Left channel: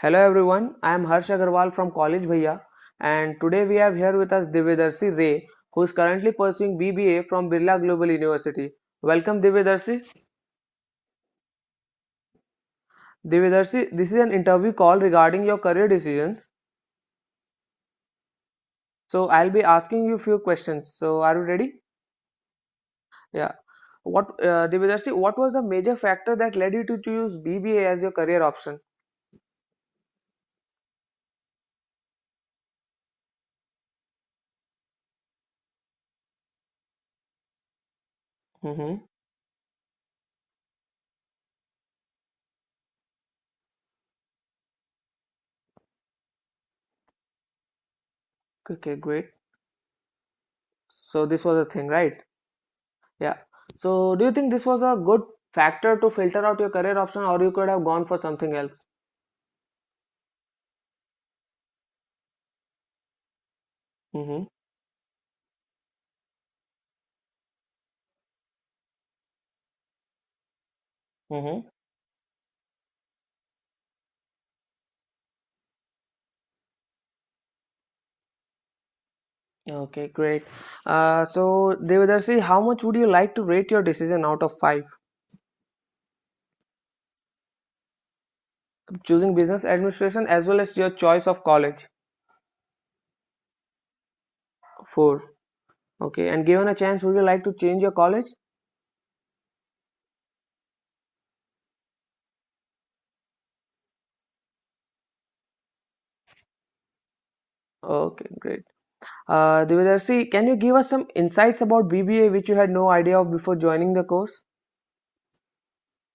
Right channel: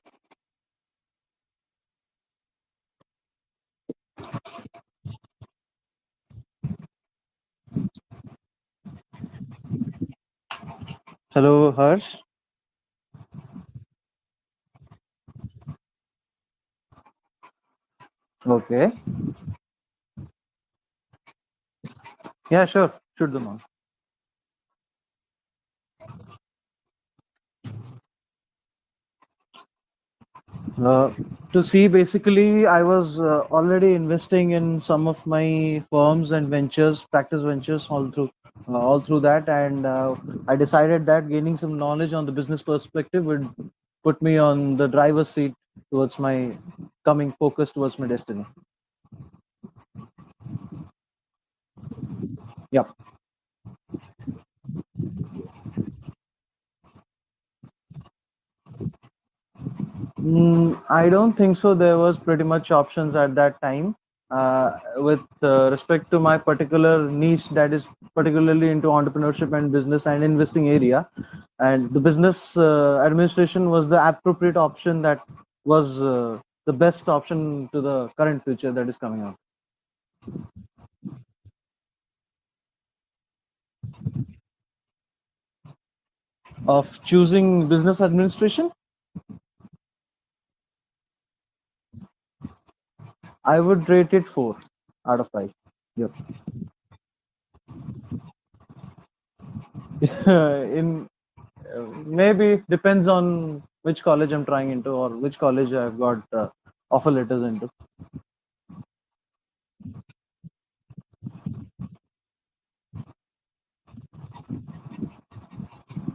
Hello everyone, I am Harsh Agarwal from College Bhaiya, and today we have here with us Divyadarshi Ray, who is currently pursuing BBA from Birla Global University. Welcome Divyadarshi. Hello, Harsh. Divyadarshi, this is an interview call regarding your career decisions. Okay. So I'll be asking you a few questions. So are you ready? Yeah, sure. Shoot them Yeah. on. Divyadarshi, what was the major factor that led you to choose BBA as your career option? Uh, to see, basically, I was already investing in some of my firms and ventures, practice ventures, Mm-hmm. all through that, and I decided that gaining some knowledge on the business perspective would put me on the driver's seat towards my coming focus towards my destiny. Okay, great. So this was a thing, right? Yeah. Yeah. So, do you think this was a good factor to filter out your career option, or you could have gone for something else? I don't think so. There was pretty much options at that time. Mm-hmm. With respect to my particular niche, that is particularly into entrepreneurship and business and investing area, Mm-hmm. and the business administration was the appropriate option that was the best option to the current future that is coming out. Okay, great. So, Devadarshi, how much would you like to rate your decision out of 5? Of choosing business administration, Choosing business administration as well as your choice of college? I would rate it 4 out 4. of 5. Yep. Okay, and given a chance, would you like to change your college? In maybe depends on which college I'm trying into or which college I've got offer letters into. Okay, great. Devadarshi, can you give us some insights about BBA which you had no idea of before joining the course?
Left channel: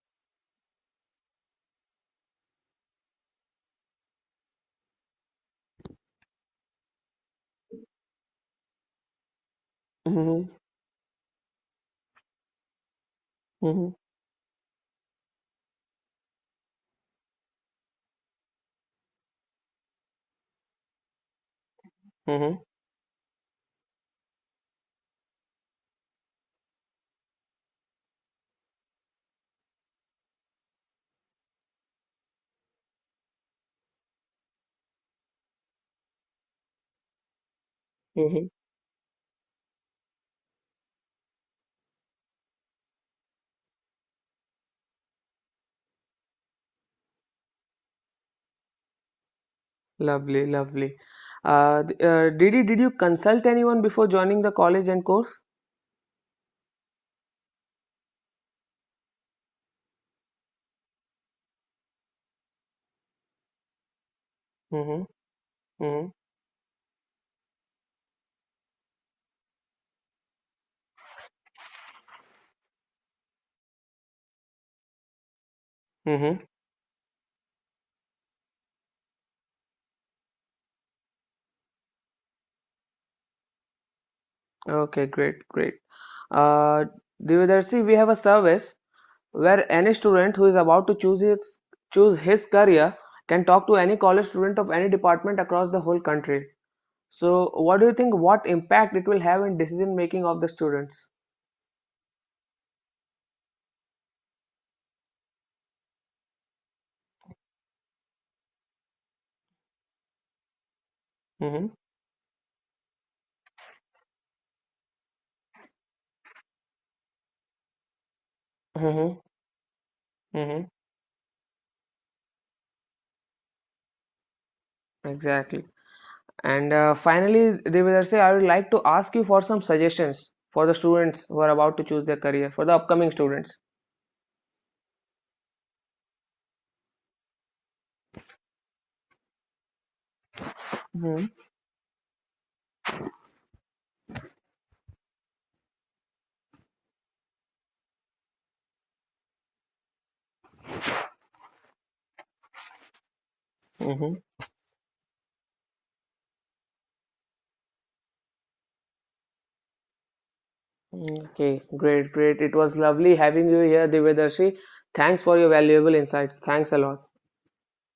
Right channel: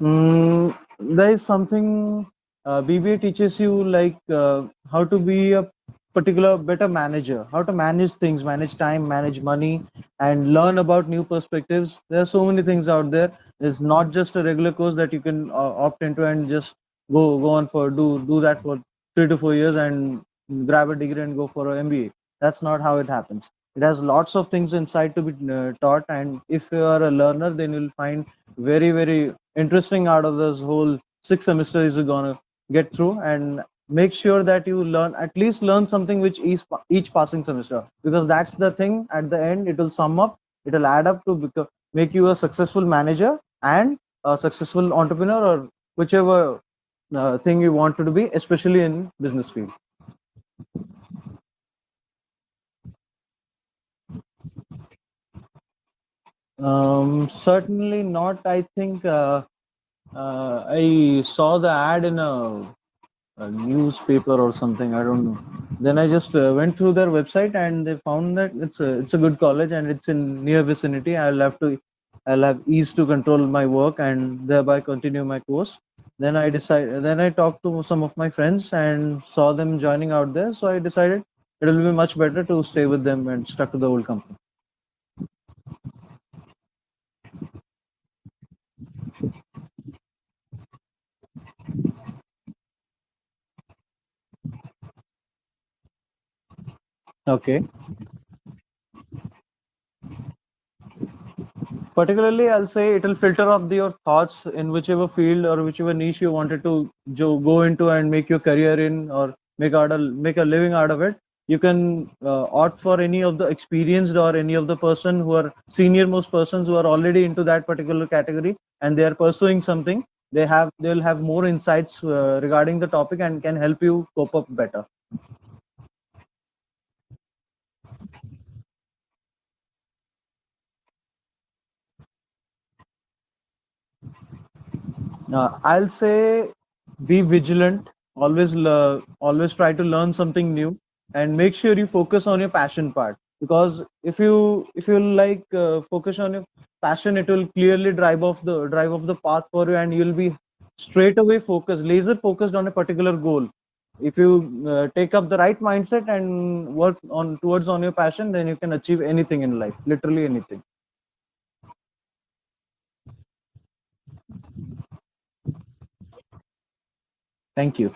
There is something BBA teaches you like how to be a particular better manager, how to manage things, manage time, manage money, Mm-hmm. and learn about new perspectives. There are so many things out there. There's Mm-hmm. not just a regular course that you can opt into and just go on for do that for 3 to 4 years and grab a degree and go for an MBA. Mm-hmm. That's not how it happens. It has lots of things inside to be taught, and if you are a learner, then you'll find very interesting out of this whole 6 semesters you're gonna get through, and make sure that you learn at least learn something which each passing semester, because Mm-hmm. that's the thing. At the end it will sum up, it will add up to make you a successful manager and a successful entrepreneur, or whichever thing you want to be, especially in business field. Lovely, lovely. Did you consult anyone before joining the college and course? Certainly not. I think I saw the ad in a newspaper or something. I Mm-hmm. don't know. Then I Mm-hmm. just went through their website and they found that it's a good college and it's in near vicinity. I'll have ease to control my work and thereby continue my course. Mm-hmm. Then I talked to some of my friends and saw them joining out there. So I decided it will be much better to stay with them and stuck to the old company. Okay, great, great. Uh, Devadarshi, we have a service where any student who is about to choose his career can talk to any college student of any department across the whole country. So, Okay. what do you think? What impact it will have in decision making of the students? Particularly, I'll say it will filter up your thoughts in whichever field or whichever niche you wanted to go into and make your career in, or make a living out of it. You Mm-hmm. can opt for any of the experienced or any of the person who are senior most persons who are already into that particular category and they Mm-hmm. are pursuing something. Mm-hmm. They'll have more insights regarding the topic and can help you cope up better. Exactly. And finally, Devadarshi, I would like to ask you for some suggestions for the students who are about to choose their career, for the upcoming students. I'll say be vigilant. Always try to learn something new, Hmm. and make sure you focus on your passion part. Because if you like focus on your passion, it will clearly drive off the path for you, and you'll be straight away focused, laser focused on a particular goal. Hmm. If you take up the right mindset and work on towards on your passion, then you can achieve anything in life, literally anything. Okay, great, great. It was lovely having you here, Devadarshi. Thanks for your valuable insights. Thanks a lot. Thank you.